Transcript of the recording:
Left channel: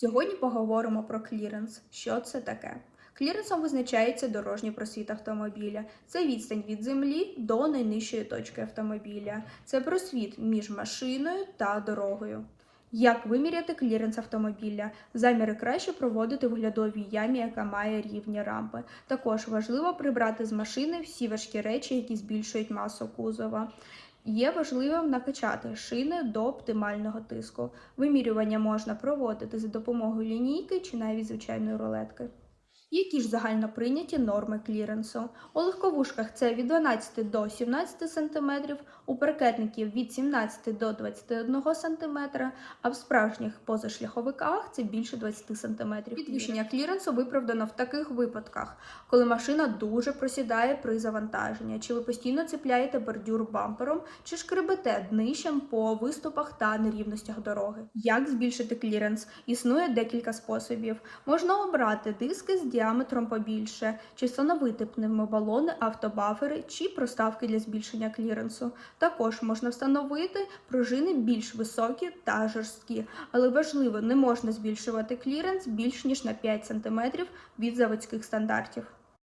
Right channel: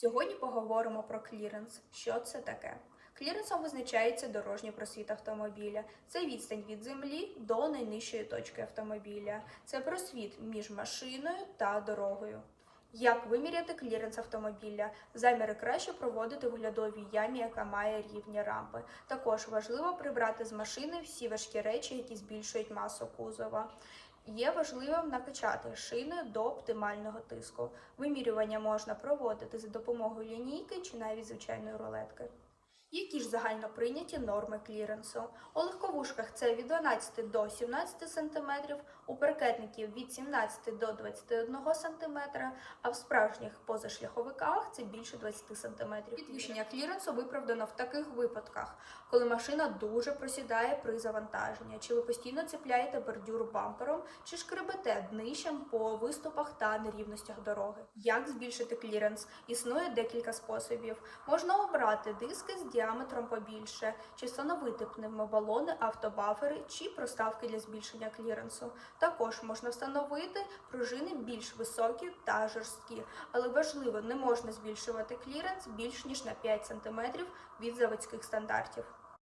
Сьогодні поговоримо про кліренс. Що це таке? Кліренсом визначається дорожній просвіт автомобіля. Це відстань від землі до найнижчої точки автомобіля. Це просвіт між машиною та дорогою. Як виміряти кліренс автомобіля? Заміри краще проводити в оглядовій ямі, яка має рівні рампи. Також важливо прибрати з машини всі важкі речі, які збільшують масу кузова. Є важливим накачати шини до оптимального тиску. Вимірювання можна проводити за допомогою лінійки чи навіть звичайної рулетки. Які ж загально прийняті норми кліренсу? У легковушках це від 12 до 17 см, у паркетників від 17 до 21 см, а в справжніх позашляховиках це більше 20 см. Підвищення кліренсу виправдано в таких випадках, коли машина дуже просідає при завантаженні, чи ви постійно цепляєте бордюр бампером, чи шкребете днищем по виступах та нерівностях дороги. Як збільшити кліренс? Існує декілька способів. Можна обрати диски з діаметром побільше, чи встановити пневмобалони, автобафери чи проставки для збільшення кліренсу. Також можна встановити пружини більш високі та жорсткі, але важливо, не можна збільшувати кліренс більш ніж на 5 см від заводських стандартів.